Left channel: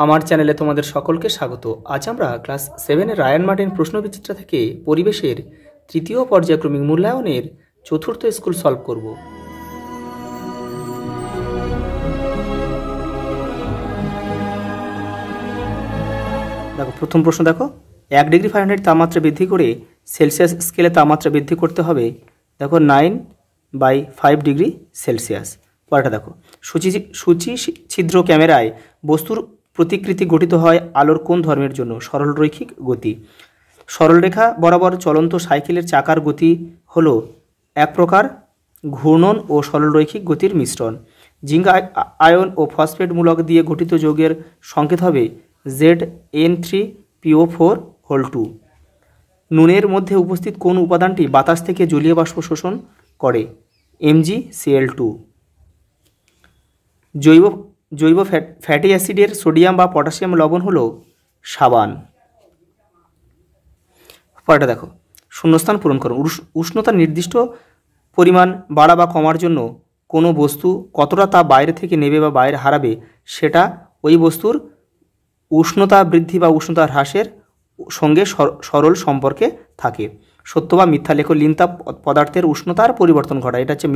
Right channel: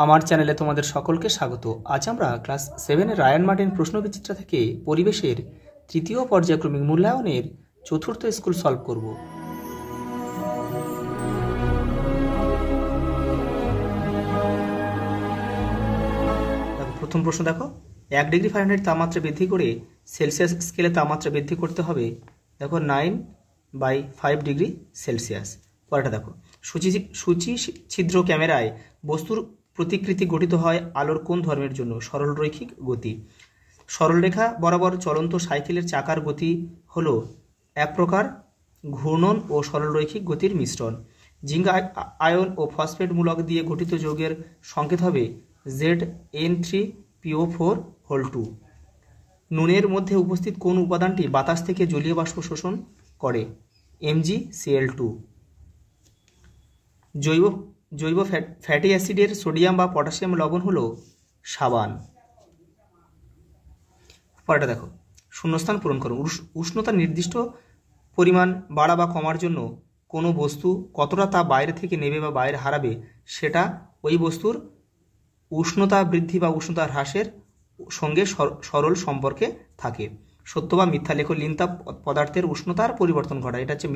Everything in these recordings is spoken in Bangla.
আমার চ্যানেলে তোমাদের সকলকে স্বাগত। আজ আমরা ক্লাস 7-এর রায়ান মার্টিন প্রশ্নবিচিত্রা থেকে পরিবেশের তৃতীয় পর্যায়ক্রমিক মূল্যায়নের চতুর্থ স্কুল সলভ করব। দেখো প্রথম প্রশ্ন, দেখো 1 ডিগ্রি ফারেনহাইট তাপমাত্রা বৃদ্ধি করে সেলসিয়াস স্কেলে তাপমাত্রা বৃদ্ধি করতে হবে। দেখো 9/5 ডিগ্রি সেলসিয়াস। পরেরটা দেখো, সূচি ছিদ্র ক্যামেরায় বস্তুর প্রতিকৃতি গঠিত হয় আলোর কোন ধর্মের জন্য? সরল রৈখিক গতি। সরলরেখা বরাবর চলন্ত সাইকেলের চাকার গতি হলো এক প্রকার ঘূর্ণন ও সরল রৈখিক গতির মিশ্রণ। জিঙ্ক আয়ন ও ফসফেট মূলক দিয়ে গঠিত যৌগের সংকেত হবে ZN3PO4(2). নুনের মধ্যে উপস্থিত কোন উপাদানটি বাতাস থেকে জলীয় বাষ্প শোষণ করে? MgCl2। জৈব ফ্যাটি অ্যাসিডের সোডিয়াম বা পটাশিয়াম লবণ হলো সাবান। পরেরটা দেখো, শূন্যস্থান পূরণ করো। উষ্ণতার নির্দিষ্ট পরিমাণ বাড়া বা কমার জন্য কোনো বস্তু কতটা তাপ বাইরে থেকে নেবে বা বাইরে হারাবে সেটা ওই বস্তুর উষ্ণতা বৃদ্ধি বা উষ্ণতা হ্রাসের সঙ্গে সরল সম্পর্কে থাকে। সত্য বা মিথ্যা লেখো। লীন তাপ পদার্থের উষ্ণতার পরিবর্তন ঘটায়, এটা হচ্ছে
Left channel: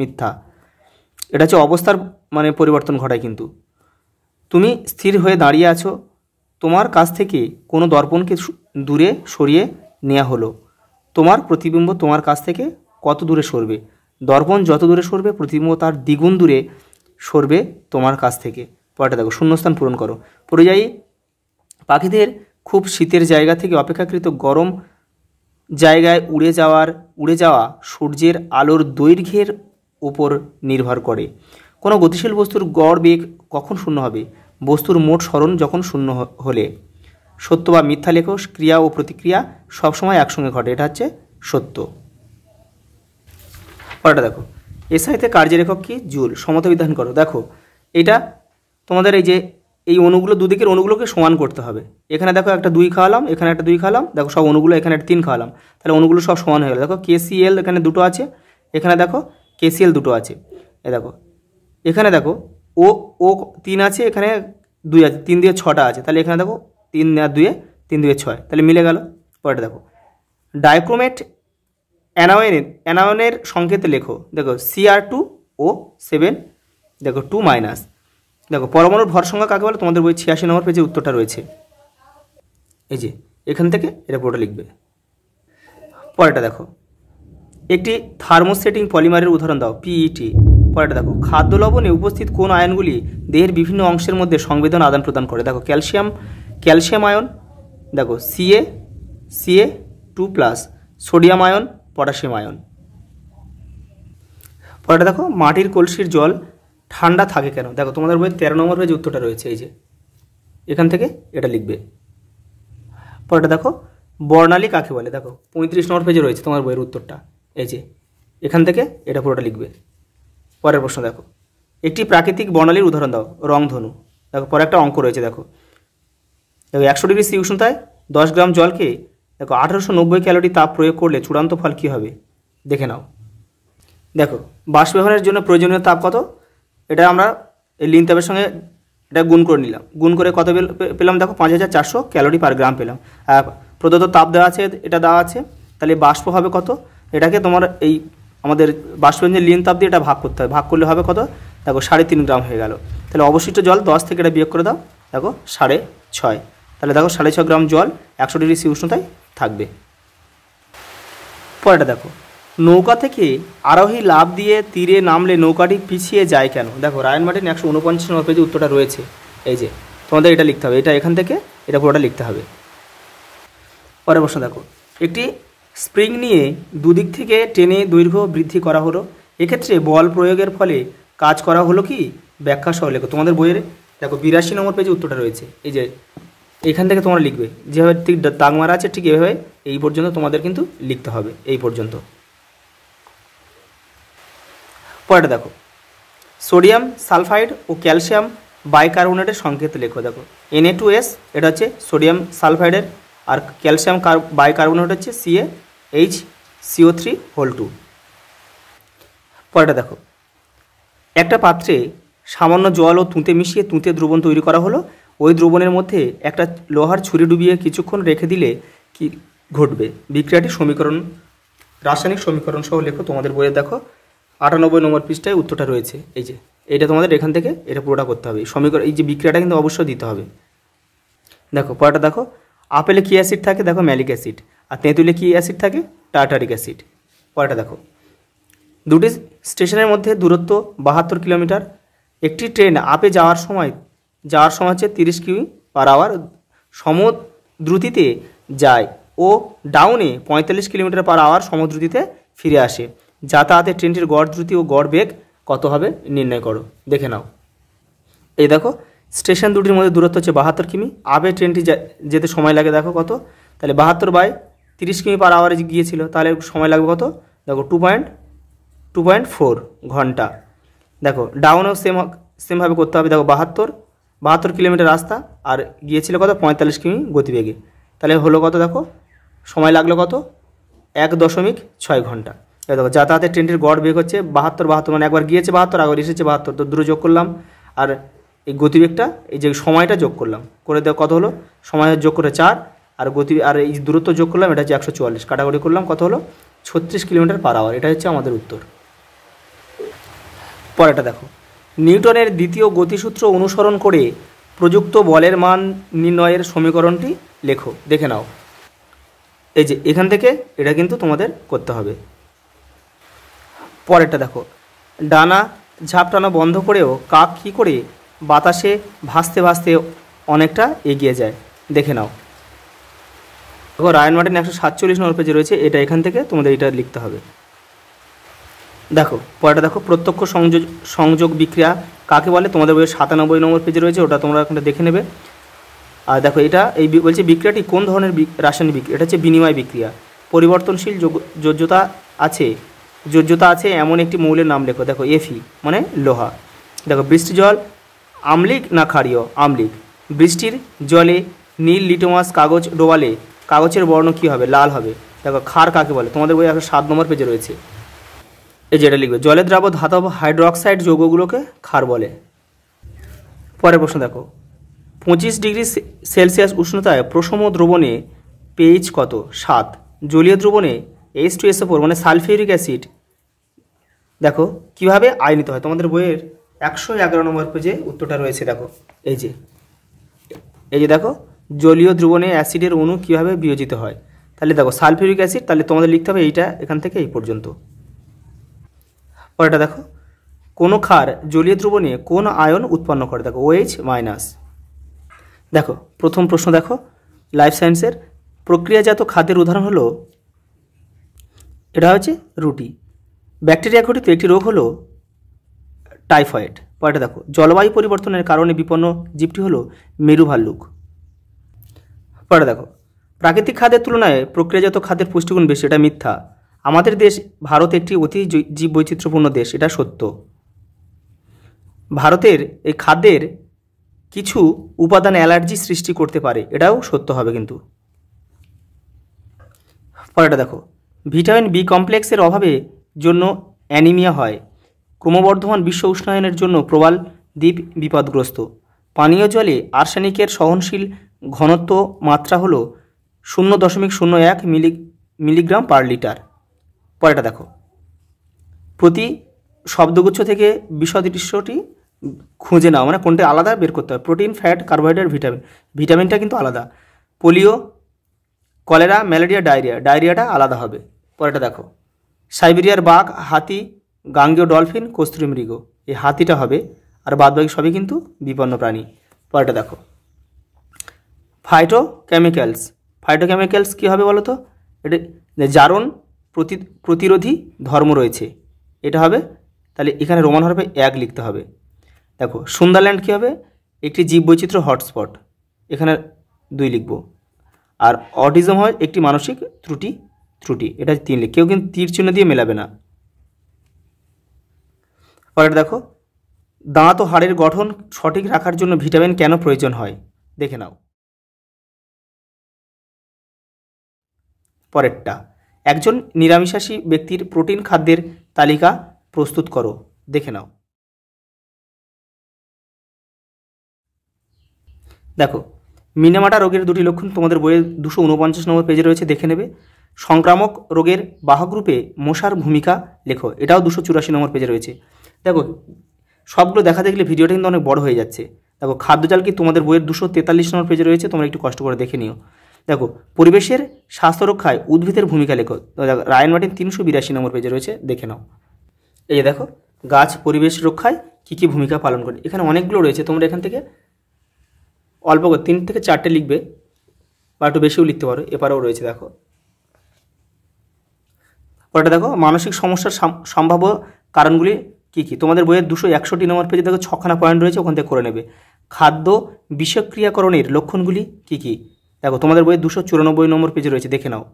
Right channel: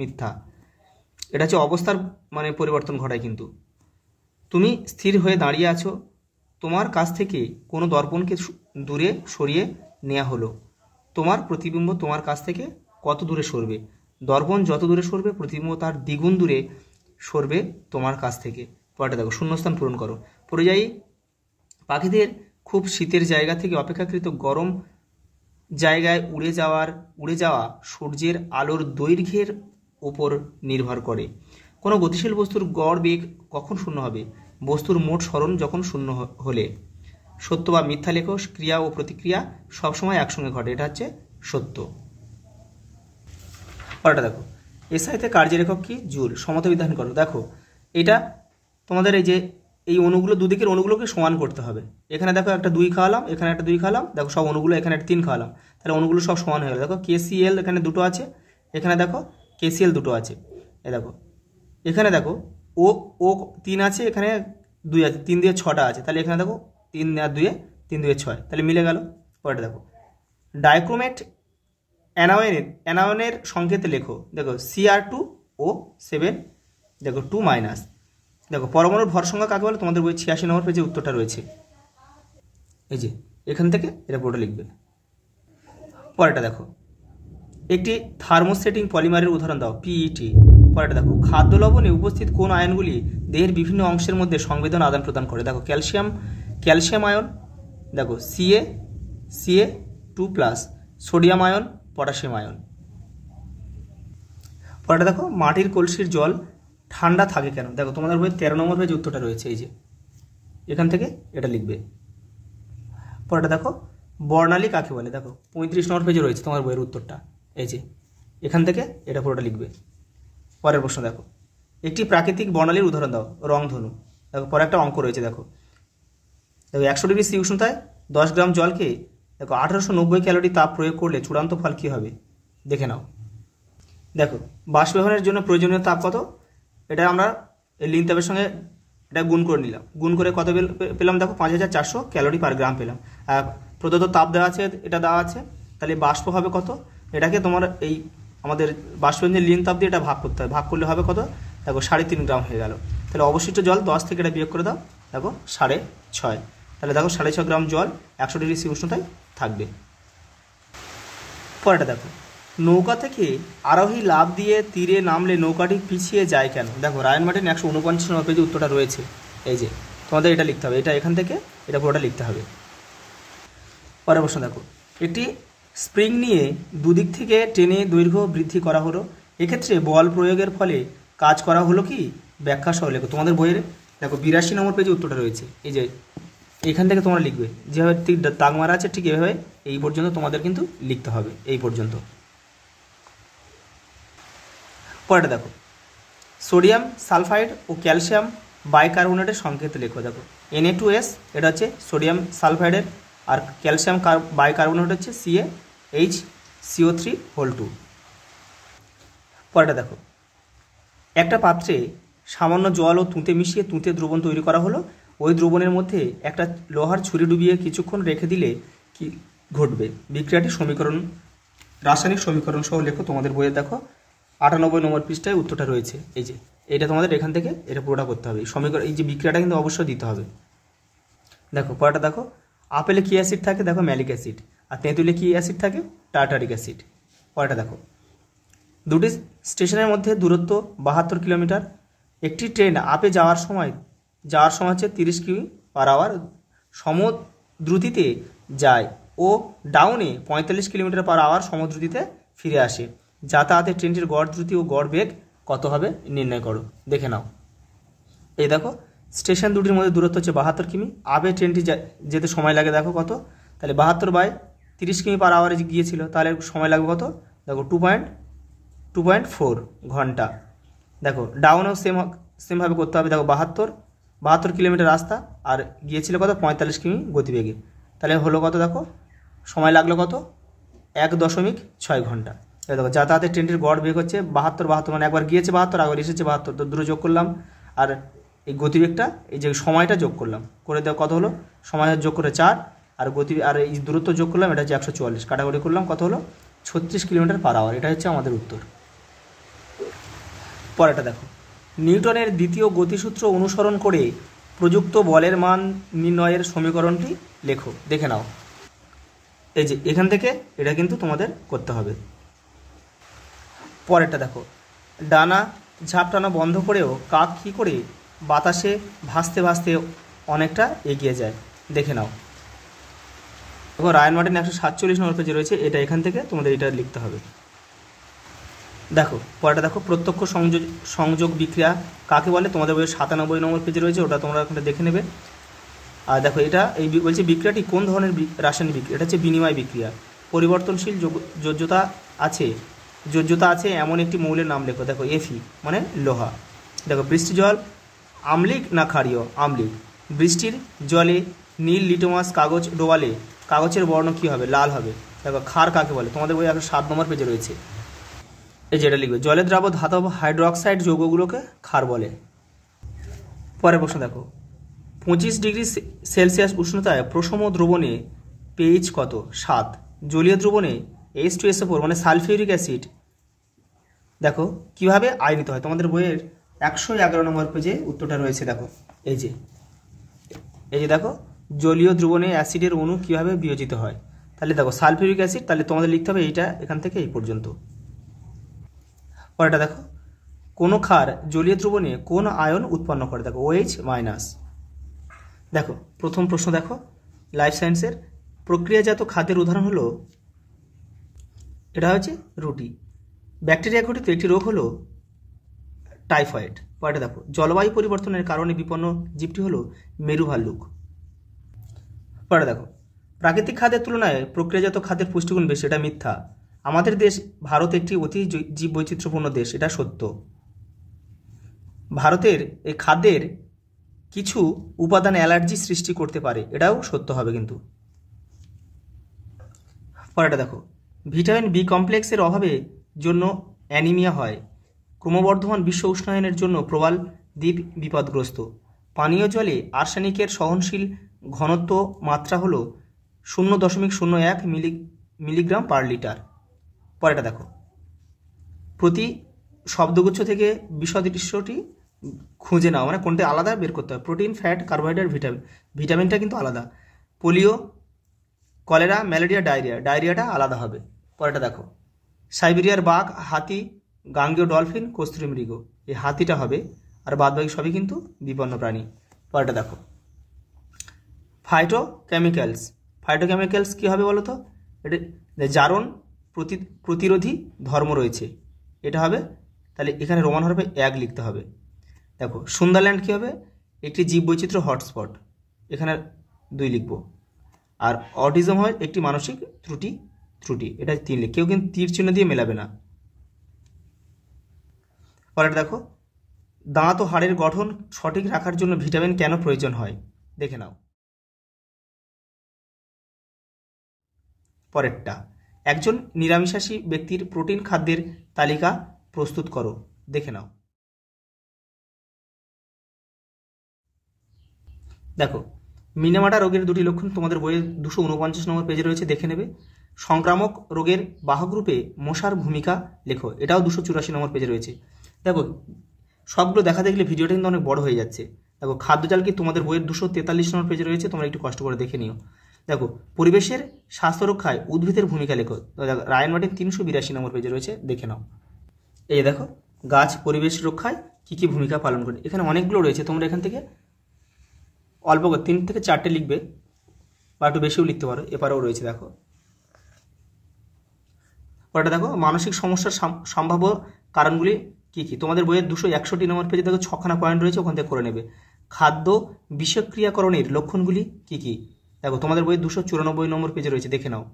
মিথ্যা। এটা হচ্ছে অবস্থার পরিবর্তন ঘটায়। কিন্তু তুমি স্থির হয়ে দাঁড়িয়ে আছো, তোমার কাছ থেকে কোনো দর্পণকে দূরে সরিয়ে নেওয়া হলো, তোমার প্রতিবিম্ব তোমার কাছ থেকে কত দূরে সরবে? দর্পণ যত দূরে সরবে প্রতিবিম্ব তার দ্বিগুণ দূরে সরবে তোমার কাছ থেকে। পরেরটা দেখো, শূন্যস্থান পূরণ করো। পরিযায়ী পাখিদের খুব শীতের জায়গা থেকে অপেক্ষাকৃত গরম জায়গায় উড়ে যাওয়া সূর্যের আলোর দৈর্ঘ্যের উপর নির্ভর করে। কোনো গতিশীল বস্তুর গড় বেগ কখন শূন্য হবে? বস্তুর মোট সরণ যখন শূন্য হলে। সত্য বা মিথ্যা লেখো। ক্রিয়া ও প্রতিক্রিয়া সবসময় একসঙ্গে ঘটে, এটা হচ্ছে সত্য। পরেরটা দেখো, এসআইতে কার্যরেখক কি? জুল। সমতা বিধান করো। দেখো এটা তোমাদের এই অণুগুলো, দুদিকের অণুগুলোকে সমান করতে হবে। এখানে দেখো একটা 2 খাওয়ালাম, এখানে একটা 2 খাওয়ালাম, দেখো সব অণুগুলো এখানে একটা 3 খাওয়ালাম, তাহলে অণুগুলো সব সমান হয়ে গেল। দেখো KCl এখানে 2টো আছে, এখানে দেখো KCl 2টো আছে। দেখো এখানে দেখো ও 3 আছে, এখানে 2 আছে, 3 দিয়ে 6টা আছে, তাহলে এখানে দেখো 3 আর 2 3 2 6, তাহলে মিলে গেল। পরেরটা দেখো, ডাইক্রোমেট অ্যানায়নের সংকেত লেখো। দেখো Cr2O7, দেখো 2-। দেখো পরমাণুর ভর সংখ্যা কাকে বলে? তোমাদের বই 86 নম্বর পেজে উত্তরটা রয়েছে। এই যে এখান থেকে এটা পুরোটা লিখবে। পরেরটা দেখো, একটি থার্মোসেটিং পলিমারের উদাহরণ দাও। PET। পরেরটা দেখো, খাদ্য লবণে উপস্থিত কোন আয়নগুলি দেহের বিভিন্ন অংশের মধ্যে সংবেদন আদান প্রদান করে? দেখো ক্যালসিয়াম আয়ন, দেখো Ca2+, sodium ion, potassium ion. পরেরটা দেখো, মাটির কলসির জল ঠান্ডা থাকে কেন? দেখো তোমাদের বই 13 নম্বর পেজে উত্তরটা রয়েছে, এই যে এখান থেকে এটা লিখবে। পরেরটা দেখো, বর্ণালী কাকে বলে? দেখো 35 নম্বর পেজে রয়েছে তোমার বইয়ের উত্তরটা, এই যে এখান থেকে এটা পুরোটা লিখবে। পরের প্রশ্ন দেখো, একটি প্রাকৃতিক বর্ণালীর উদাহরণ দাও। রংধনু। দেখো পরে একটা অঙ্ক রয়েছে। দেখো 100 ডিগ্রি সি উষ্ণতায় 10 গ্রাম জলকে দেখো 1890 ক্যালোরি তাপ প্রয়োগ করলে চূড়ান্ত ফল কী হবে? দেখে নাও। দেখো বাষ্পীভবনের জন্য প্রয়োজনীয় তাপ কত? এটা আমরা এই লিন তাপের সঙ্গে এটা গুণ করে নিলাম। গুণ করে কত পেলাম? দেখো 5400 ক্যালোরি পার গ্রাম পেলাম। আর প্রদত্ত তাপ দেওয়া আছে, এটা দেওয়া আছে, তাহলে বাষ্প হবে কত? এটাকে তোমার এই আমাদের বাষ্পীভবনের লিন তাপ দিয়ে এটা ভাগ করতে হবে। ভাগ করলে হবে কত? দেখো 3.5 গ্রাম হয়ে গেল। তাহলে অবশিষ্ট জল 10 থেকে এটা বিয়োগ করে দাও, দেখো 6.5। তাহলে দেখো 6.5 গ্রাম জল 100 ডিগ্রি সি উষ্ণতায় থাকবে। পরেরটা দেখো, নৌকা থেকে আরোহী লাফ দিয়ে তীরে নামলে নৌকাটি পিছিয়ে যায় কেন? দেখো রায়ান মার্টিন 149 নম্বর পেজে উত্তরটা রয়েছে, এই যে তোমাদের এটা লিখতে হবে। এটা এখান থেকে এটা পুরোটা লিখতে হবে। পরের প্রশ্ন দেখো, একটি স্প্রিং নিয়ে দুদিক থেকে টেনে দৈর্ঘ্য বৃদ্ধি করা হলো, এক্ষেত্রে বল প্রয়োগের ফলে কাজ করা হলো কি? ব্যাখ্যা সহ লেখো। তোমাদের বইয়ের দেখো 82 নম্বর পেজে উত্তরটা রয়েছে, এই যে এখান থেকে তোমরা লিখবে। যেভাবে ঠিক দাগ মারা আছে ঠিক এভাবে এই পর্যন্ত তোমাদের কিন্তু লিখতে হবে, এই পর্যন্ত। পরেরটা দেখো, সোডিয়াম সালফাইড ও ক্যালসিয়াম বাইকার্বনেটের সংকেত লেখো। দেখো Na2S, এটা হচ্ছে সোডিয়াম সালফাইডের, আর ক্যালসিয়াম বাইকার্বনেট হচ্ছে CaHCO3(2). পরেরটা দেখো, একটা পাত্রে সামান্য জল ও তুঁতে মিশিয়ে তুঁতে দ্রবণ তৈরি করা হলো। ওই দ্রবণের মধ্যে একটা লোহার ছুরি ডুবিয়ে কিছুক্ষণ রেখে দিলে কি ঘটবে? বিক্রিয়াটি সমীকরণ, রাসায়নিক সমীকরণ সহ লেখো। তোমাদের বইয়ে দেখো 98 নম্বর পৃষ্ঠায় উত্তরটা রয়েছে। এই যে এইটা তোমাদের এখান থেকে এটা পুরোটা করতে হবে। সমীকরণ, এই যে বিক্রিয়াটা কিন্তু অবশ্যই দিতে হবে। দেখো পরেরটা দেখো, আপেলে কী অ্যাসিড থাকে? দেখো ম্যালিক অ্যাসিড। আর তেঁতুলে কী অ্যাসিড থাকে? Tartaric acid. পরেরটা দেখো, দুটি স্টেশনের মধ্যে দূরত্ব 72 কিলোমিটার। একটি ট্রেন আপে যাওয়ার সময় হচ্ছে 30 কিমি/আওয়ার সমদ্রুতিতে যায় ও ডাউনে 45 কিলোমিটার/আওয়ার সমদ্রুতিতে ফিরে আসে। যাতায়াতে ট্রেনটির গড় দ্রুতি ও গড় বেগ কত হবে নির্ণয় করো। দেখে নাও। এই দেখো স্টেশন দুটির মধ্যে দূরত্ব হচ্ছে 72 কিমি। আপে ট্রেনটি যেতে সময় লাগে দেখো কত, তাহলে 72/30 কিমি/আওয়ারে গিয়েছিল, তাহলে সময় লাগবে কত? দেখো 2.4 ঘন্টা। দেখো ডাউনেও সেমভাবে করতে হবে। দেখো 72 কিলোমিটার রাস্তা আর গিয়েছিল কত? 45 কিমি গতিবেগে, তাহলে হলো কত? দেখো সময় লাগলো কত? 1.6 ঘন্টা। দেখো যাতায়াতের ট্রেনটির গড় বেগ হচ্ছে 72, মানে একবার গিয়েছে 72, একবার এসেছে 72, তো দুটো যোগ করলাম, আর এই গতিবেগটা, এই যে সময়টা যোগ করলাম, করে দেওয়া কত হলো? সময় যোগ করে 4, আর আর এই দূরত্ব যোগ করলাম, এটা হচ্ছে 144, কাটাকুটি করলাম, কত হলো? 36 কিলোমিটার/আওয়ার। এটা হচ্ছে আমাদের উত্তর। পরেরটা দেখো, নিউটনের দ্বিতীয় গতিসূত্র অনুসরণ করে প্রযুক্ত বলের মান নির্ণয়ের সমীকরণটি লেখো। দেখে নাও। এই যে এখান থেকে এটা কিন্তু তোমাদের করতে হবে। পরেরটা দেখো, ডানা ঝাপটানো বন্ধ করেও কাক কী করে বাতাসে ভাসতে ভাসতে অনেকটা এগিয়ে যায়? দেখে নাও। দেখো রায়ান মার্টিন 147 নম্বর পেজে রয়েছে, এটা এখান থেকে তোমাদের এটা লিখতে হবে। দেখো পরেরটা দেখো, প্রত্যক্ষ সংযোগ বিক্রিয়া কাকে বলে? তোমাদের বইয়ের 97 নম্বর পেজে রয়েছে, ওটা তোমরা এখন দেখে নেবে। আর দেখো এটা বলছে বিক্রিয়াটি কোন ধরনের রাসায়নিক বিক্রিয়া? এটা হচ্ছে বিনিময় বিক্রিয়া। পরিবর্তনশীল যোজ্যতা আছে এমন একটি মৌলের নাম লেখো। দেখো Fe মানে লোহা। দেখো বৃষ্টি জল আম্লিক না ক্ষারীয়? আম্লিক। বৃষ্টির জলে নীল লিটমাস কাগজ ডোবালে কাগজের বর্ণ কী হবে? লাল হবে। দেখো ক্ষার কাকে বলে? তোমাদের বই 107 নম্বর পেজে রয়েছে, এই যেটা লিখবে, জলে দ্রাব্য ধাতব হাইড্রোক্সাইড যৌগগুলোকে ক্ষার বলে। পরের প্রশ্ন দেখো, 25 ডিগ্রি সেলসিয়াস উষ্ণতায় প্রশম দ্রবণে pH কত? 7। জলীয় দ্রবণে H2SO4 মানে সালফিউরিক অ্যাসিড দেখো কিভাবে আয়নিত হয়? তোমাদের বইয়ের 111 নম্বর পেজে উত্তরটা রয়েছে। দেখো এই যে দেখো জলীয় দ্রবণে অ্যাসিডের অণু কিভাবে বিয়োজিত হয়। তাহলে দেখো সালফিউরিক অ্যাসিড, তাহলে তোমাদের লিখতে হবে এইটা এখান থেকে এই পর্যন্ত। পরেরটা দেখো, কোনো ক্ষার জলীয় দ্রবণে কোন আয়ন উৎপন্ন করে? দেখো OH-। দেখো প্রথম প্রশ্ন দেখো, লাইফ সায়েন্সের, প্রক্রিয়াজাত খাদ্যের উদাহরণ হলো, এটা হচ্ছে রুটি। ব্যাকটেরিয়া ঘটিত একটি রোগ হলো টাইফয়েড। পরেরটা দেখো, জলবায়ু পরিবর্তনের কারণে বিপন্ন জীবটি হলো মেরু ভাল্লুক। পরেরটা দেখো, প্রাকৃতিক খাদ্যের তুলনায় প্রক্রিয়াজাত খাদ্যের পুষ্টিগুণ বেশি, এটা মিথ্যা। আমাদের দেশ ভারত একটি অতি জীববৈচিত্র্যপূর্ণ দেশ, এটা সত্য। ভারতের এই খাদ্যের কিছু উপাদান অ্যালার্জি সৃষ্টি করতে পারে, এটাও সত্য হবে কিন্তু। পরেরটা দেখো, ভিটামিন বি কমপ্লেক্সের অভাবে জন্য অ্যানিমিয়া হয়। ক্রমবর্ধমান বিশ্ব উষ্ণায়নের জন্য প্রবাল দ্বীপ বিপদগ্রস্ত। পানীয় জলে আর্সেনিকের সহনশীল ঘনত্ব মাত্রা হলো 0.01 মিলিগ্রাম/লিটার। পরেরটা দেখো, প্রতি শব্দগুচ্ছ থেকে বিসদৃশ্যটি খুঁজে নাও, মানে কোনটা আলাদা বের করতে হবে। প্রোটিন, ফ্যাট, কার্বোহাইড্রেট, ভিটামিনটা কিন্তু আলাদা। পোলিও, কলেরা, ম্যালেরিয়া, ডায়রিয়াটা আলাদা হবে। পরেরটা দেখো, সাইবেরিয়ার বাঘ, হাতি, গাঙ্গেয় ডলফিন, কস্তুরী মৃগ, এই হাতিটা হবে, আর বাদবাকি সবই কিন্তু বিপন্ন প্রাণী। পরেরটা দেখো, ফাইটোকেমিক্যালস কী হবে বলো তো? এটা জারণ প্রতিরোধী ধর্ম রয়েছে, এটা হবে। তাহলে এখানে রোমান হরফে 1 লিখতে হবে। দেখো সুন্দরল্যান্ড কী হবে? একটি জীববৈচিত্র্য হটস্পট, এখানে 2 লিখব। আর অটিজম হয় একটি মানসিক ত্রুটি, এটা 3 লিখ। কেউ কিন্তু তীর চিহ্ন দিয়ে মেলাবে না। পরেরটা দেখো, দাঁত ও হাড়ের গঠন সঠিক রাখার জন্য ভিটামিন কেন প্রয়োজন হয়? দেখে নাও। পরেরটা, একজন নিরামিষাশী ব্যক্তির প্রোটিন খাদ্যের তালিকা প্রস্তুত করো। দেখে নাও। দেখো, মিনেমাটা রোগের দুটি লক্ষণ তোমাদের বইয়ের 249 নম্বর পেজে রয়েছে, দেখে নেবে। সংক্রামক রোগের বাহক রূপে মশার ভূমিকা লেখো, এটাও 284 নম্বর পেজে রয়েছে। দেখো, সবগুলো দেখা দেখলে ভিডিওটা কিন্তু অনেক বড় হয়ে যাচ্ছে। দেখো, খাদ্যজাল কি তোমাদের বইয়ের 243 নম্বর পেজে রয়েছে, তোমরা একটু কষ্ট করে দেখে নিও। দেখো, পরিবেশের স্বাস্থ্য রক্ষায় উদ্ভিদের ভূমিকা লেখো, দেখো রায়ান মার্টিন 382 নম্বর পেজে রয়েছে, দেখে নাও। এই যে দেখো, গাছ পরিবেশ রক্ষায় কী কী ভূমিকা পালন করে, এখানে অনেকগুলো রয়েছে, তোমরা এখান থেকে অল্প করে 3 থেকে 4টে লিখবে বা একটু বেশিও লিখতে পারো, এপারেও রয়েছে। দেখো পরেটা দেখো, মানসিক সমস্যার সম্ভাব্য কারণগুলি কী কী, তোমাদের বইয়ের 261 নম্বর পেজে দেখো 6খানা পয়েন্ট রয়েছে, ওখান থেকে করে নেবে। খাদ্য বিষক্রিয়াকরণের লক্ষণগুলি কী কী, দেখো তোমাদের বইয়ের 294 নম্বর পেজে রয়েছে, দেখে নাও।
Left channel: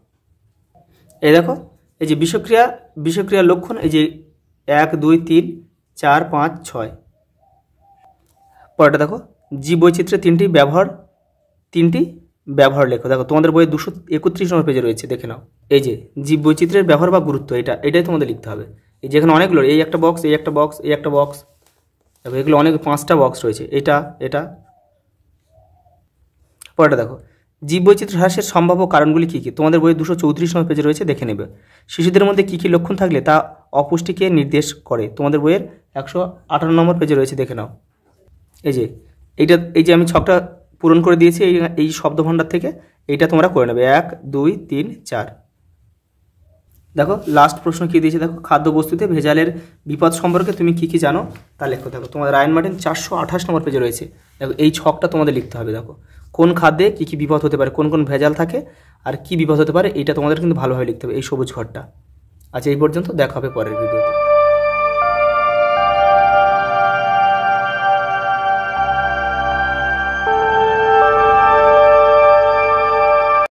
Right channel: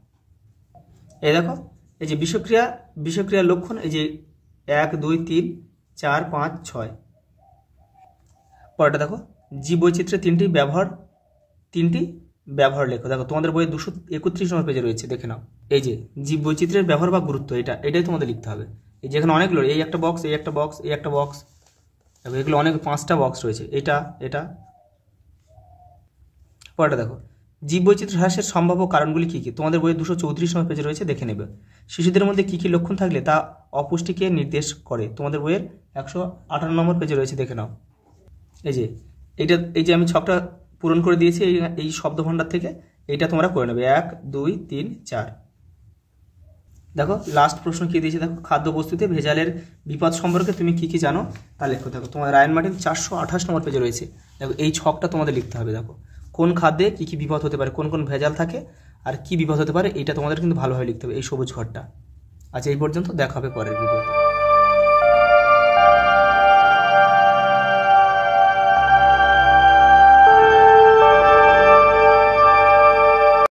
এই দেখো, এই যে বিষক্রিয়ার লক্ষণ, এই যে 1 2 3 4 5 6। পরেরটা দেখো, জীববৈচিত্র্যের তিনটি ব্যবহার লেখো, দেখো তোমাদের বইয়ে 231 নম্বর পেজে রয়েছে, দেখে নাও। এই যে জীববৈচিত্র্যের ব্যবহার বা গুরুত্ব, এটাই তোমাদের লিখতে হবে। এই যেখানে অনেকগুলো, এই একটা বক্স, এই একটা বক্স, এই একটা বক্স, দেখো এগুলো অনেক 5টা বক্স রয়েছে, এটা। পরেরটা দেখো, জীববৈচিত্র্য হ্রাসের সম্ভাব্য কারণগুলি কী কী, তোমাদের বইয়ে 234 নম্বর পেজে রয়েছে, দেখে নেবে। শিশুদের মধ্যে কী কী লক্ষণ থাকলে তা অপুষ্টিকে নির্দেশ করে, তোমাদের বইয়ের 158 নম্বর পেজে রয়েছে, দেখে নাও। এই যে আমি 6টা পূরণ করে দিয়েছি এই শব্দভাণ্ডার থেকে, এইটা তোমরা করে নেবে 1 2 3 4। দেখো লাস্ট প্রশ্ন কী দিয়েছে, দেখো খাদ্যবস্তুতে ভেজালের বিপদ সম্পর্কে তুমি কী কী জানো তা লেখো। দেখো তোমাদের রায়ান মার্টিন 428 নম্বর পেজে রয়েছে, দেখো এই ছকটা তোমাদের লিখতে হবে। দেখো কোন খাদ্যে কী কী বিপদ হতে পারে, কোন কোন ভেজাল থাকে আর কী বিপদ হতে পারে, এইটা তোমাদের কিন্তু ভালোভাবে লিখতে হবে, এই সবুজ ঘরটা। আচ্ছা, এই পর্যন্ত, দেখা হবে পরের ভিডিওতে।